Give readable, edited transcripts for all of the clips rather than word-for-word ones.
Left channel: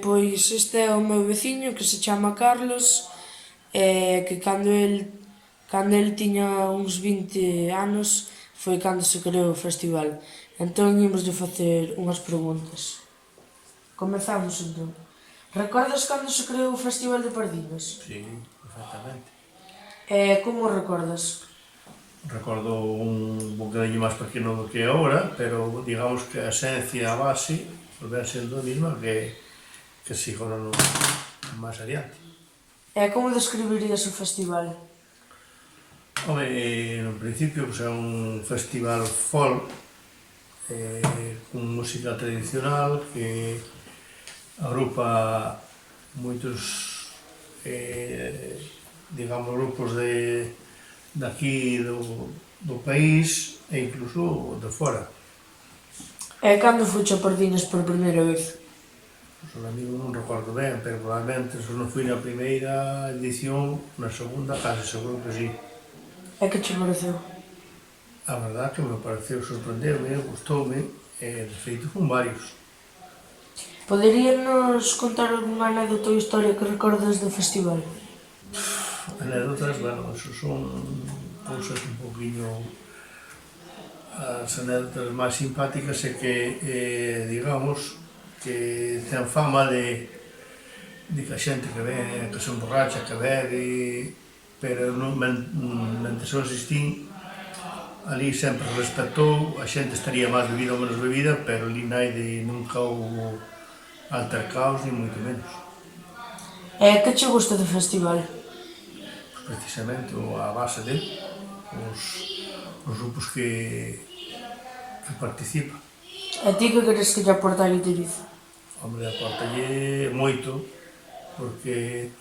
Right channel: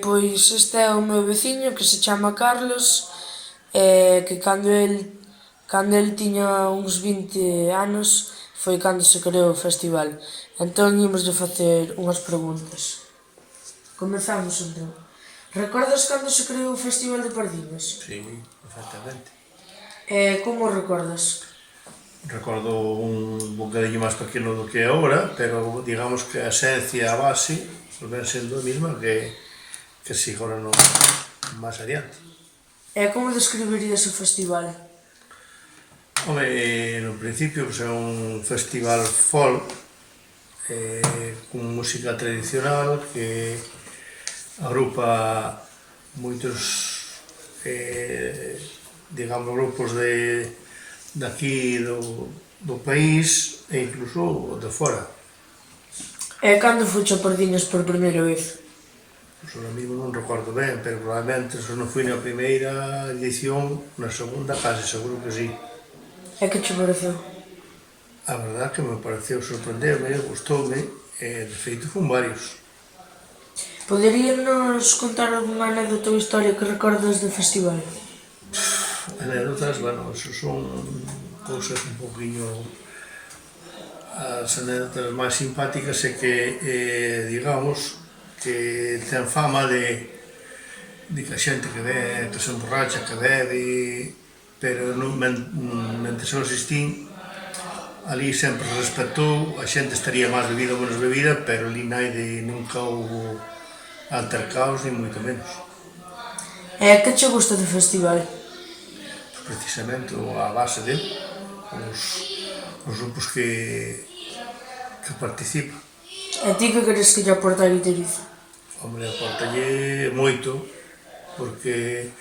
Pois este é o meu veciño que se chama Carlos, que cando el tiña uns 20 anos foi cando se creou o festival. Entón imos de facer unhas preguntas. Comezamos entón. Recordas cando se creou o Festival de Pardiñas? Sí, perfectamente. Como o recordas? Recordo un bocadillo máis pequeno do que é agora, pero digamos que a esencia, a base, ven sendo a mesma que si agora no máis adiante. Como describirías o festival? Home, no principio pues, é un festival folk con música tradicional que agrupa moitos digamos grupos de aquí do país e incluso de fora. Cando fuche a Pardiñas por primeira vez? Pois o amigo non recordo ben, pero probablemente se non fui na primeira edición, na segunda case seguro que sí. Que che pareceu? A verdade que me pareceu sorprendeume, gustoume, e de feito fun varios. Poderíanos contar algunha anécdota ou historia que recordes do festival? Anécdotas, bueno, eso son cousas un poquinho... As anécdotas máis simpáticas é que, digamos, que ten fama de que a xente que ve, que se emborracha, que bebe, pero non, mentre eu asistín, ali sempre respetou, a xente estaría máis bebida ou menos bebida, pero ali naide nunca houve altercaos, ni moito menos. Que che gusta do festival? Precisamente a base dele, os grupos que participan. E ti que queres que lle aporte a Guiterizo? Hombre, aportalle moito, porque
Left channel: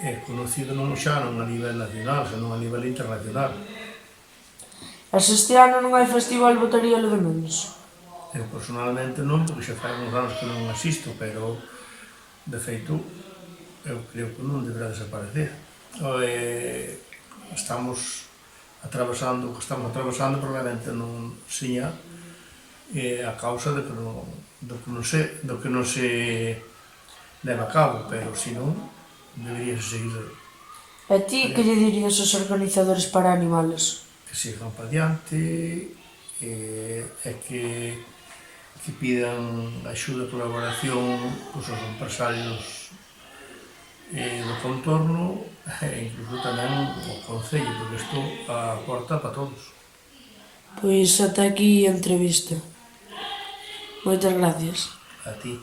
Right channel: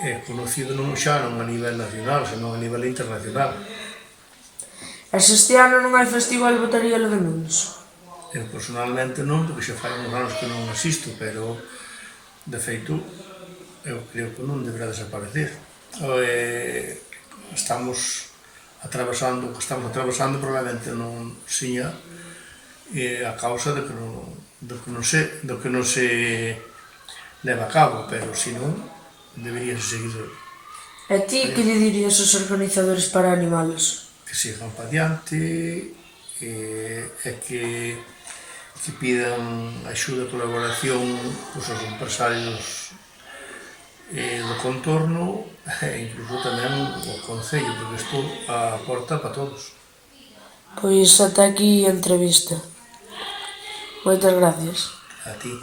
é conocido non xa non a nivel nacional, senón a nivel internacional. E se este ano non hai festival, botaríalo de menos? Eu personalmente non, porque xa fai uns anos que non asisto, pero de feito eu creo que non deberá desaparecer. Estamos atravesando o que estamos atravesando, probablemente non siña a causa do que non se leva a cabo, pero se non, debería seguir. E ti que lle dirías aos organizadores para animalos? Que sigan para diante e que pidan axuda e colaboración aos empresarios do contorno e incluso tamén o Concello, porque isto aporta para todos. Pois ata aquí a entrevista. Moitas gracias. A ti.